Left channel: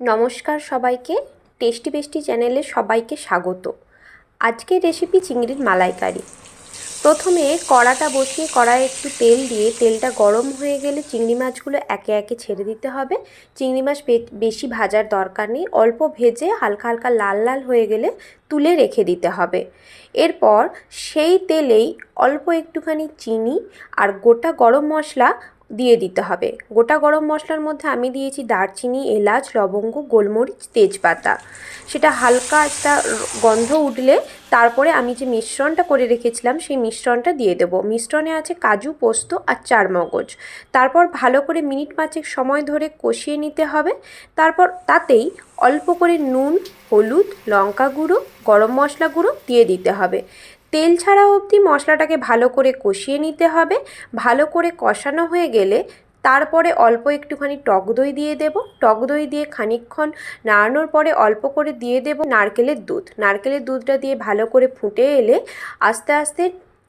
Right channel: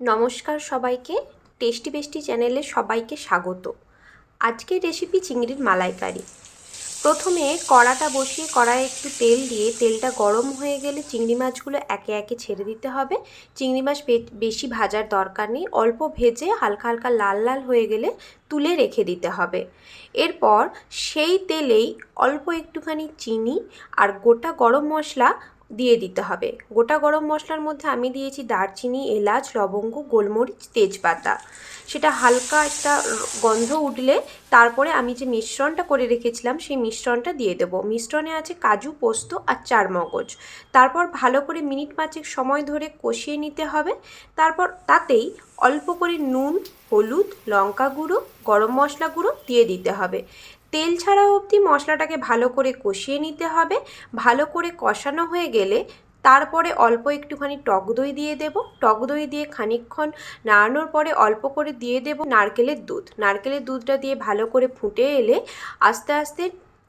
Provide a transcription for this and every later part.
নমস্কার সবাইকে, টেস্টি বেস্টি চ্যানেলে সবাইকে স্বাগত। আজকের রেসিপি চিংড়ির মালাইকারি। প্রথমে কড়াটা বসিয়ে কড়াইয়ে একটু তেল দিয়ে তেলটা গরম হয়ে গেলে চিংড়ি মাছগুলো একে একে ছেড়ে দিতে হবে। চিংড়ি মাছ বেশি ভাজার দরকার নেই, অল্প ভেজে হালকা হালকা লাল লাল হয়ে গেলে তুলে রেখে দিতে হবে। এরপর সেই তেলেই অল্প একটুখানি চিনি আর গোটা গরম মশলা দিয়ে দিতে হবে। গোটা গরম মশলার মধ্যে আমি দিয়েছি দারচিনি, এলাচ, লবঙ্গ, গোলমরিচ, তেজপাতা। সেটা হালকা একটা গন্ধ উঠলে তারপরে আমি যে মিশ্রণটা করে রেখেছিলাম সেই মিশ্রণটা দিয়ে দেবো। মিশ্রণে আছে কাজু, পোস্ত আর চারমগজ। তারপর ভালো করে মিনিট পাঁচেক সময় ধরে কষিয়ে নিতে হবে। তারপর তাতেই অল্প করে নুন, হলুদ, লঙ্কা গুঁড়ো, গরম মশলা গুঁড়ো দিয়ে দিতে হবে। তেল ছাড়া অবধি মশলাটাকে ভালো করে কষিয়ে নিতে হবে। ভালো করে কষানো হয়ে গেলে তারপরে অল্প একটুখানি টক দই দিয়ে দেব। টক দই দিয়ে খানিকক্ষণ নাড়ানোর পরে অল্প করে দিয়ে দেব নারকেলের দুধ। নারকেলের দুধটা দিয়ে ভালো করে ফুটে এলে আস্তে আস্তে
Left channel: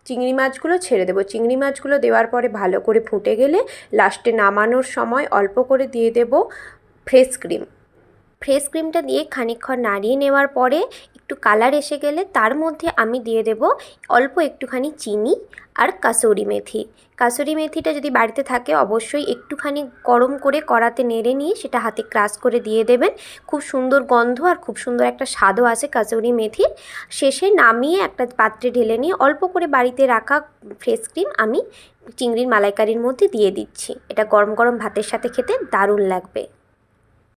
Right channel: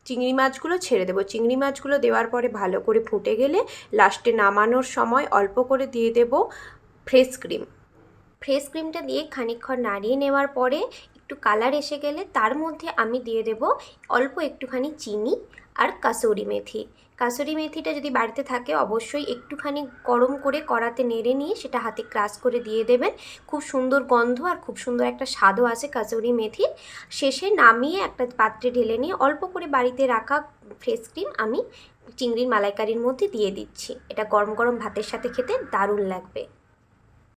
চিংড়ি মাছগুলো ছেড়ে দেবো। চিংড়ি মাছগুলো দেওয়ার পরে ভালো করে ফুটে গেলে লাস্টে নামানোর সময় অল্প করে দিয়ে দেব ফ্রেশ ক্রিম। ফ্রেশ ক্রিমটা দিয়ে খানিকক্ষণ নাড়িয়ে নেওয়ার পরে একটু কালার এসে গেলে তার মধ্যে আমি দিয়ে দেব অল্প একটুখানি চিনি আর কাসুরি মেথি। কাসুরি মেথিটা যদি বাড়িতে থাকে অবশ্যই একটুখানি গরম করে কড়াতে নেড়ে নিয়ে সেটা হাতে ক্রাশ করে দিয়ে দেবেন। খুব সুন্দর গন্ধ আর খুব সুন্দর একটা স্বাদও আসে কাসুরি মেথির। শেষে নামিয়ে একটা পাত্রে ঢেলে নিয়ে অল্প করে বাড়িতে রাখা ফ্রেশ ক্রিম আমি চিংড়ির মালাইকারির মধ্যে দিয়ে দিচ্ছি। এটা গরম গরম ভাতের সাথে খেতে দারুণ লাগবে।